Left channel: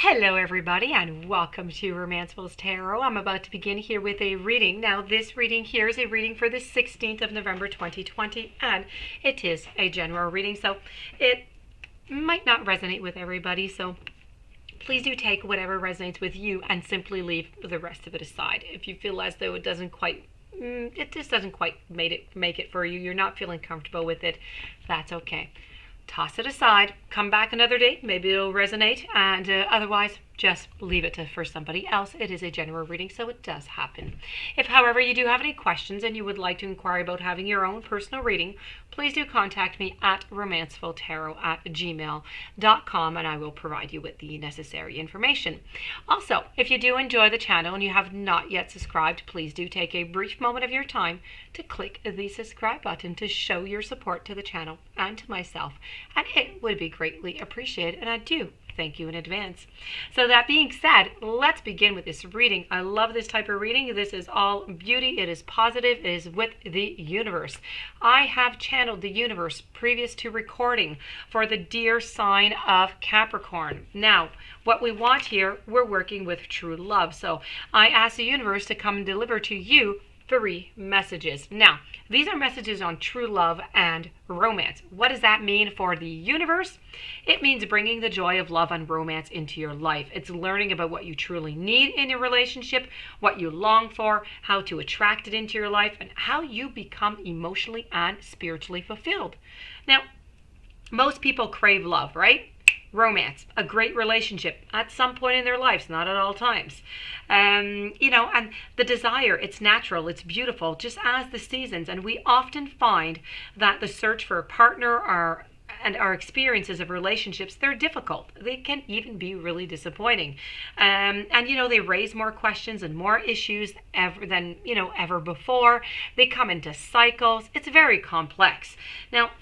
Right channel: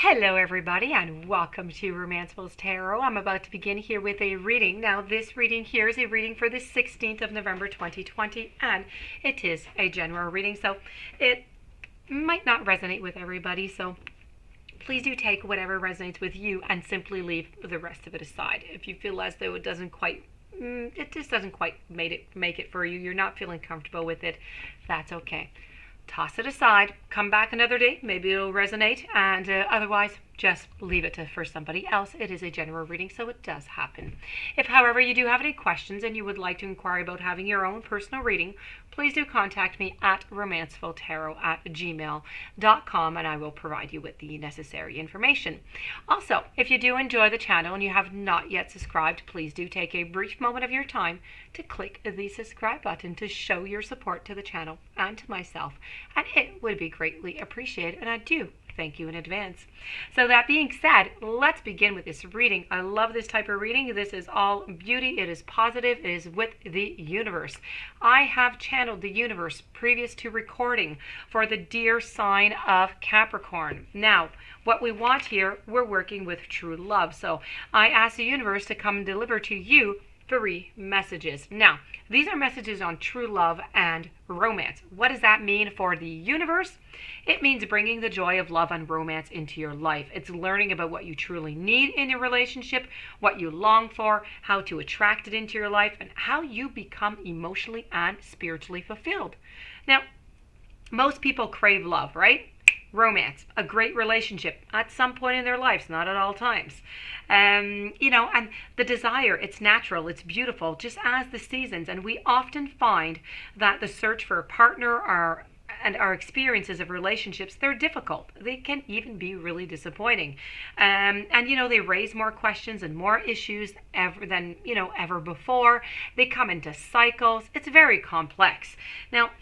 Hello, everybody, and welcome to Romanceful's Tarot. I'm about to begin here with a reading. Now, this reading here is a reading for the 16th of November 2020, and it is a general reading, so it might not resonate with everybody. So please do take whatever resonates with you and simply leave the rest of it aside. If you feel as though it just doesn't quite make it for you, you're not feeling comfortable with it, that's okay. Toss it aside, come back another day, maybe it'll resonate, and otherwise just leave it for somebody else. It is a general reading, so it does happen. If, however, you do have any questions and you would like to inquire about having your own personal reading, please do contact me at romancefultarot@gmail.com, and I will provide you with the necessary information. Also, if you do enjoy the channel and you have not yet subscribed, please do take a brief moment of your time to click the subscribe button to show your support to the channel and to myself, and it would be greatly appreciated, and I do thank you in advance. So that being said, let's begin with this reading. I love this type of reading. This is all beauty. It is positive. It is with the universe. I have channeled the universe previous to recording for the dear sign of Capricorn. Now, what we want here, we're working with true love. So I ask the universe to come and deliver to you 3 messages. Now, these are messages on true love and romance. What does that mean for the universe? It means bringing the joy of love and romance into your life. It's learning about what you truly need in your relationship, what you long for, how to attract it into your life, and how you become emotionally and spiritually fulfilled. Now, most people crave love, right? Romance, a great relationship at some point in their lives, not at all times. And the desire, it's natural, it's beautiful, just as the seasons. And we often find that the search for a partner and our experiences of relationships, they're difficult. They can even be really disappointing. They raise more questions and more issues ever before. They come into cycles. It's very complex. Now,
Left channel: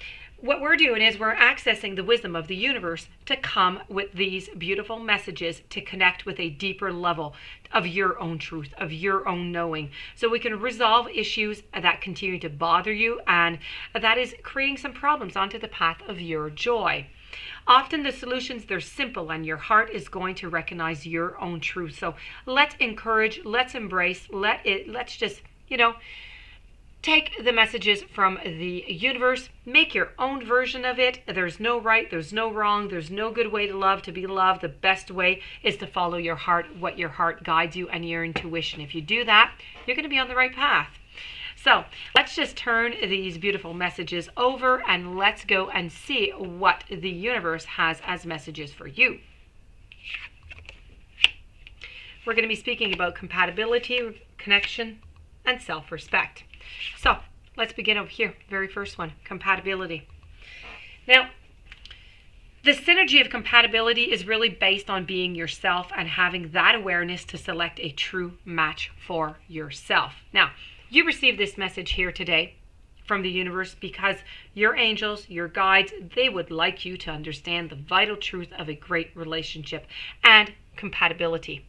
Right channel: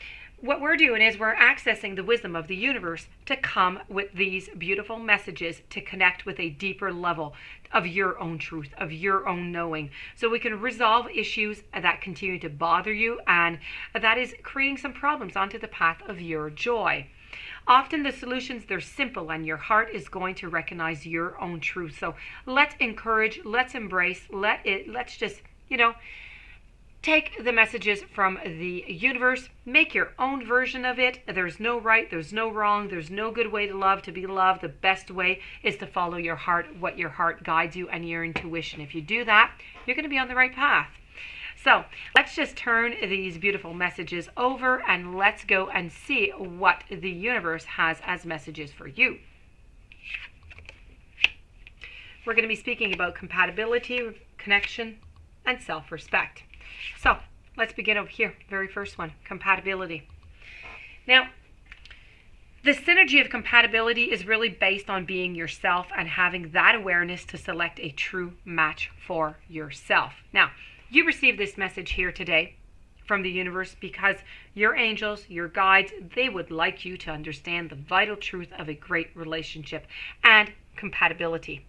what we're doing is we're accessing the wisdom of the universe to come with these beautiful messages to connect with a deeper level of your own truth, of your own knowing, so we can resolve issues that continue to bother you and that is creating some problems onto the path of your joy. Often the solutions, they're simple, and your heart is going to recognize your own truth. So let's encourage, let's embrace, let's just, take the messages from the universe, make your own version of it. There's no right, there's no wrong, there's no good way to love, to be loved. The best way is to follow your heart, what your heart guides you, and your intuition. If you do that, you're going to be on the right path. So let's just turn these beautiful messages over and let's go and see what the universe has as messages for you. We're going to be speaking about compatibility, connection, and self-respect. So let's begin over here. Very first one, compatibility. Now, the synergy of compatibility is really based on being yourself and having that awareness to select a true match for yourself. Now, you received this message here today from the universe because your angels, your guides, they would like you to understand the vital truth of a great relationship and compatibility.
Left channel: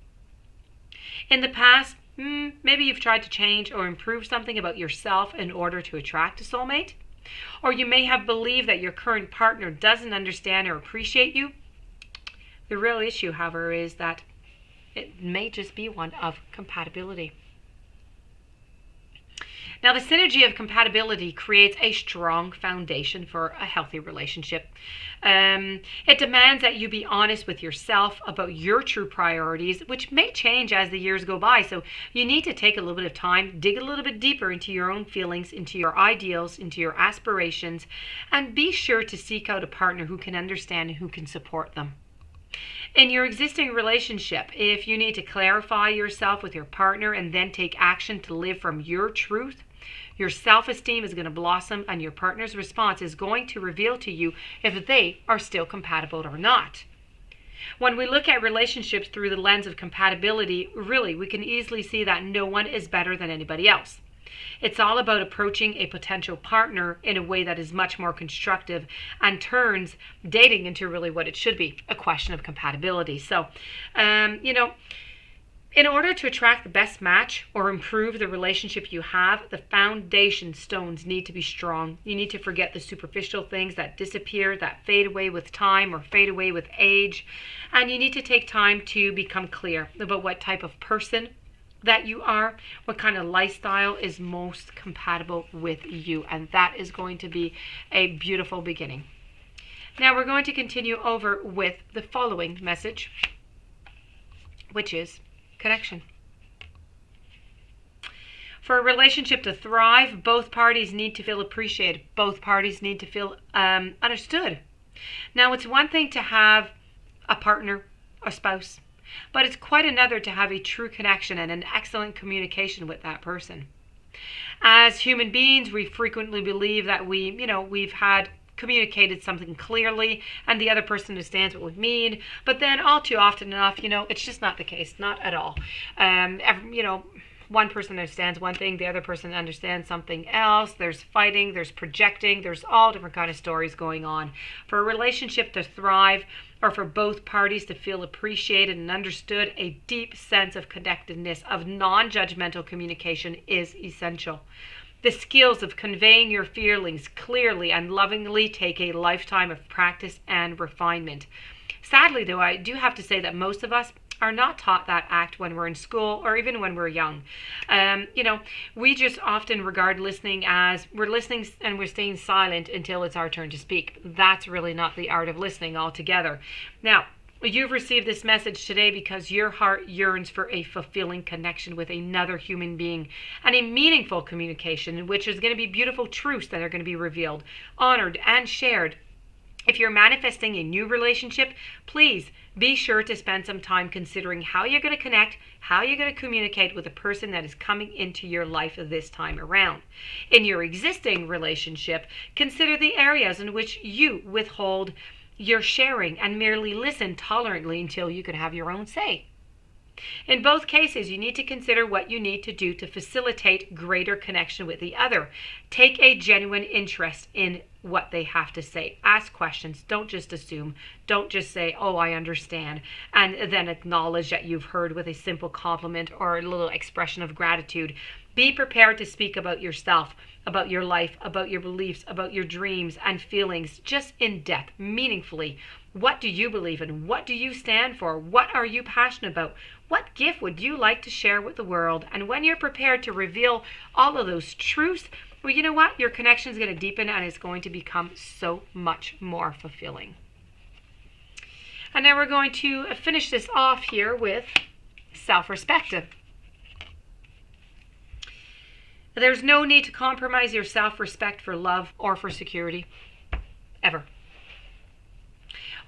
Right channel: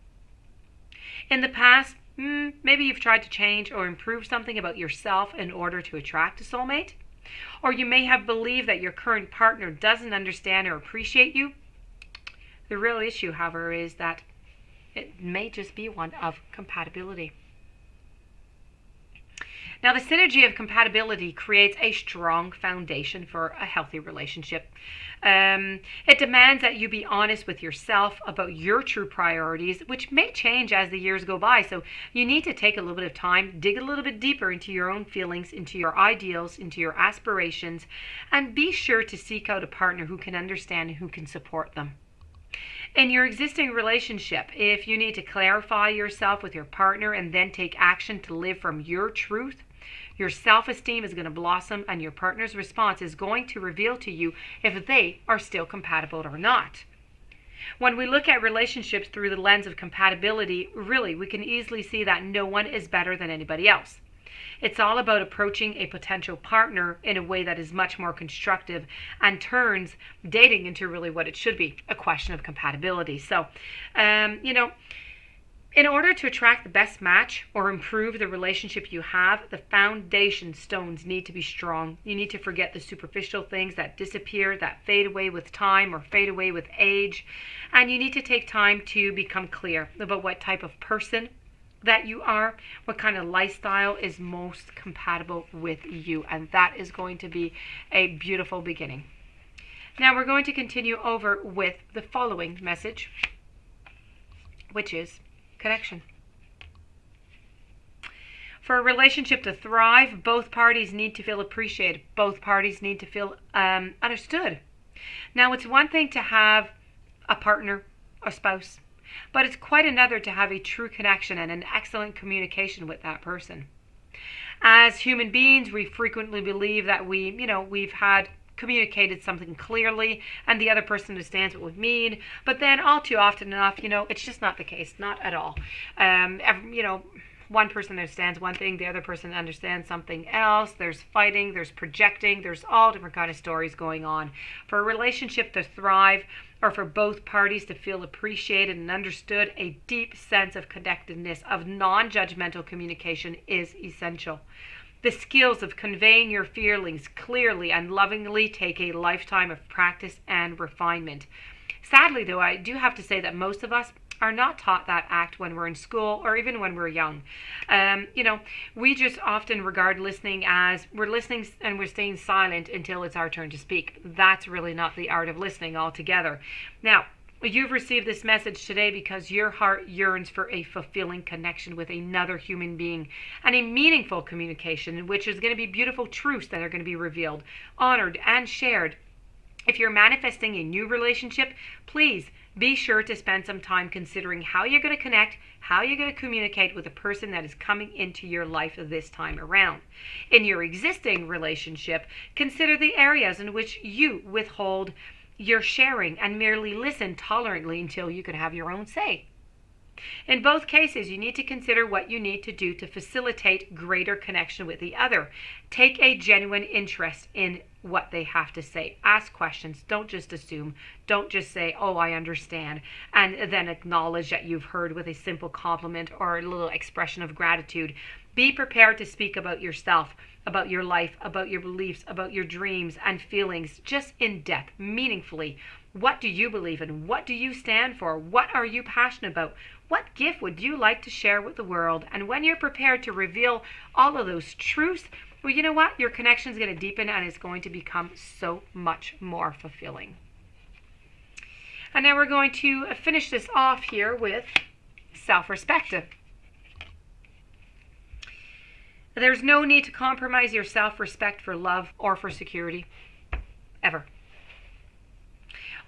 In the past, maybe you've tried to change or improve something about yourself in order to attract a soulmate. Or you may have believed that your current partner doesn't understand or appreciate you. The real issue, however, is that it may just be one of compatibility. Now, the synergy of compatibility creates a strong foundation for a healthy relationship. It demands that you be honest with yourself about your true priorities, which may change as the years go by. So you need to take a little bit of time, dig a little bit deeper into your own feelings, into your ideals, into your aspirations, and be sure to seek out a partner who can understand and who can support them. In your existing relationship, if you need to clarify yourself with your partner and then take action to live from your truth, your self-esteem is going to blossom and your partner's response is going to reveal to you if they are still compatible or not. When we look at relationships through the lens of compatibility, really, we can easily see that no one is better than anybody else. It's all about approaching a potential partner in a way that is much more constructive and turns dating into really what it should be, a question of compatibility. So, In order to attract the best match or improve the relationship you have, the foundation stones need to be strong. You need to forget the superficial things that disappear, that fade away with time or fade away with age. And you need to take time to become clear about what type of person that you are, what kind of lifestyle is most compatible with you. And that is going to be a beautiful beginning. Now we're going to continue over with the following message, which is connection. For a relationship to thrive, both parties need to feel appreciated. Both parties need to feel understood. Now, it's one thing to have a partner or spouse, but it's quite another to have a true connection and an excellent communication with that person. As human beings, we frequently believe that we've had communicated something clearly and the other person understands what we mean, but then all too often enough, it's just not the case, not at all. One person understands one thing, the other person understands something else. There's fighting, there's projecting, there's all different kind of stories going on. For a relationship to thrive, or for both parties to feel appreciated and understood, a deep sense of connectedness, of non-judgmental communication is essential. The skills of conveying your feelings clearly and lovingly take a lifetime of practice and refinement. Sadly, though, I do have to say that most of us are not taught that act when we're in school or even when we're young. We just often regard listening as we're listening and we're staying silent until it's our turn to speak. That's really not the art of listening altogether. Now, you've received this message today because your heart yearns for a fulfilling connection with another human being and a meaningful communication in which there's going to be beautiful truths that are going to be revealed, honored, and shared. If you're manifesting a new relationship, please be sure to spend some time considering how you're going to connect, how you're going to communicate with the person that is coming into your life this time around. In your existing relationship, consider the areas in which you withhold your sharing and merely listen tolerantly until you can have your own say. In both cases, you need to consider what you need to do to facilitate greater connection with the other. Take a genuine interest in what they have to say. Ask questions. Don't just assume. Don't just say, oh, I understand, and then acknowledge that you've heard with a simple compliment or a little expression of gratitude. Be prepared to speak about yourself, about your life, about your beliefs, about your dreams and feelings, just in depth, meaningfully. What do you believe in? What do you stand for? What are you passionate about? What gift would you like to share with the world? And when you're prepared to reveal all of those truths, well, you know what? Your connection is going to deepen and it's going to become so much more fulfilling. And now we're going to finish this off here with self-respect. There's no need to compromise your self-respect for love or for security, ever.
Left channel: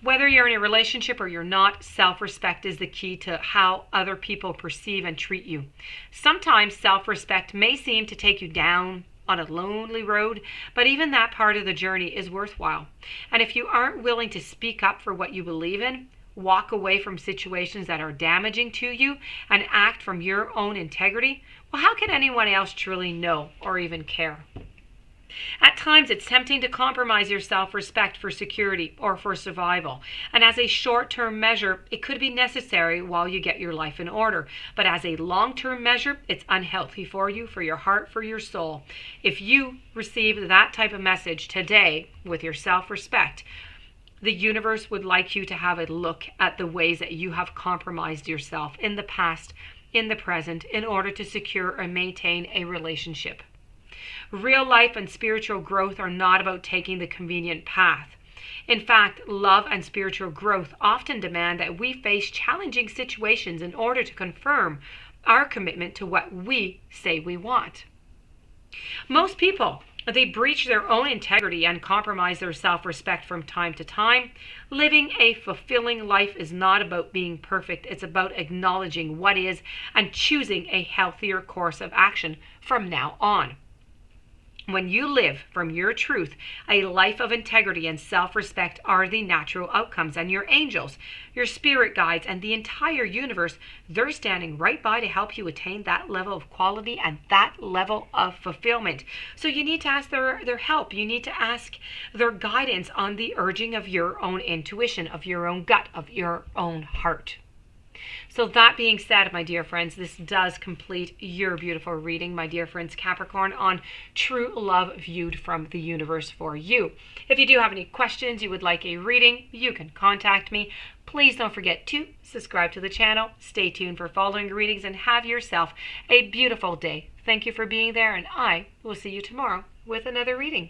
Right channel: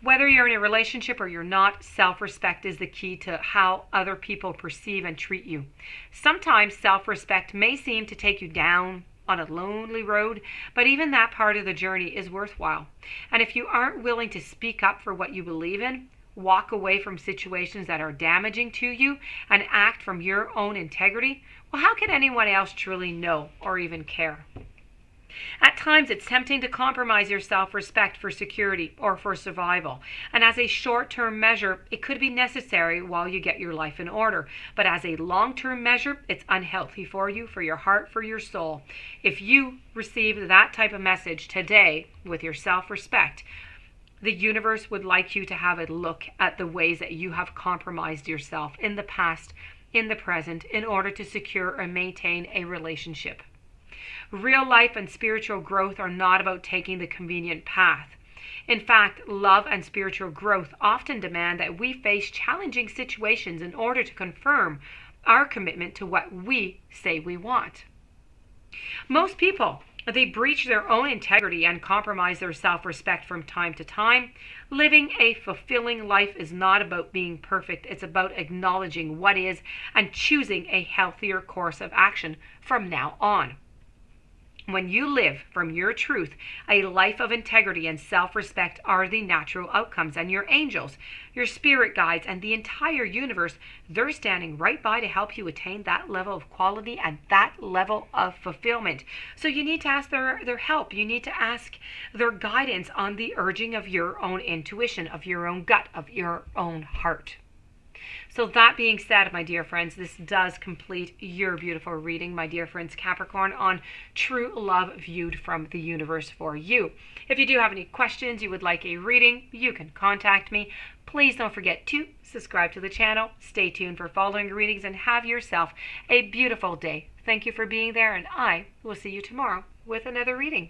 Whether you're in a relationship or you're not, self-respect is the key to how other people perceive and treat you. Sometimes self-respect may seem to take you down on a lonely road, but even that part of the journey is worthwhile. And if you aren't willing to speak up for what you believe in, walk away from situations that are damaging to you, and act from your own integrity, well, how can anyone else truly know or even care? At times, it's tempting to compromise your self-respect for security or for survival. And as a short-term measure, it could be necessary while you get your life in order. But as a long-term measure, it's unhealthy for you, for your heart, for your soul. If you receive that type of message today with your self-respect, the universe would like you to have a look at the ways that you have compromised yourself in the past, in the present, in order to secure or maintain a relationship. Real life and spiritual growth are not about taking the convenient path. In fact, love and spiritual growth often demand that we face challenging situations in order to confirm our commitment to what we say we want. Most people, they breach their own integrity and compromise their self-respect from time to time. Living a fulfilling life is not about being perfect. It's about acknowledging what is and choosing a healthier course of action from now on. When you live from your truth, a life of integrity and self-respect are the natural outcomes, and your angels, your spirit guides, and the entire universe, they're standing right by to help you attain that level of quality and that level of fulfillment. So you need to ask their help. You need to ask their guidance on the urging of your own intuition, of your own gut, of your own heart. So that being said, my dear friends, this does complete your beautiful reading, my dear friends Capricorn, on true love viewed from the universe for you. If you do have any questions, you would like a reading, you can contact me. Please don't forget to subscribe to the channel, stay tuned for following readings, and have yourself a beautiful day. Thank you for being there, and I will see you tomorrow with another reading.